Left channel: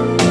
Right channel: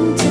Bye.